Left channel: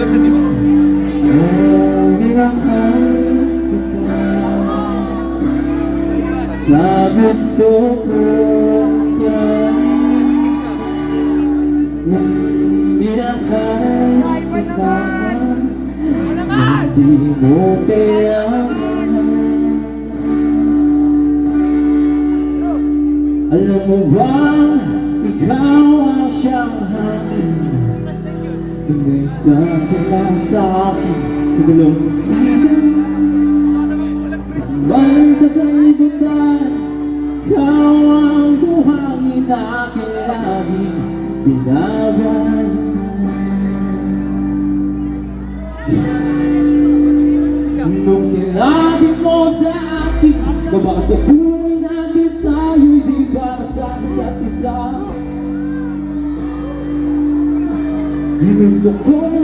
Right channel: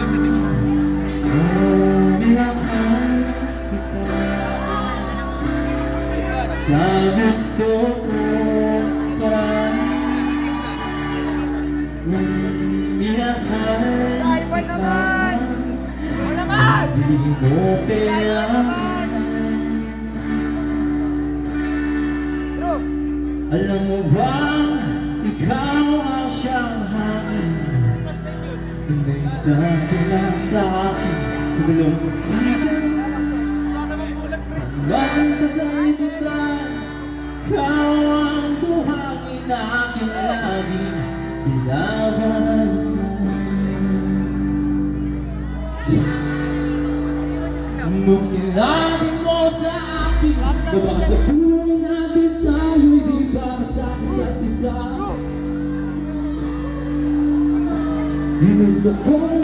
minamahal kita sa gusto ko ka. Minamahal kita, hindi mo payaman. Alam mo ba, ikaw ang siyang hangin, hindi ka pala sa akin sa dalawang sigaw. Sa maling sa salibutan, ikaw ang buhangin na aking laging binawan. Nung sinabi mo sa akin na baka sa buhay natin tayo'y di para sa isa't isa, ginusto ko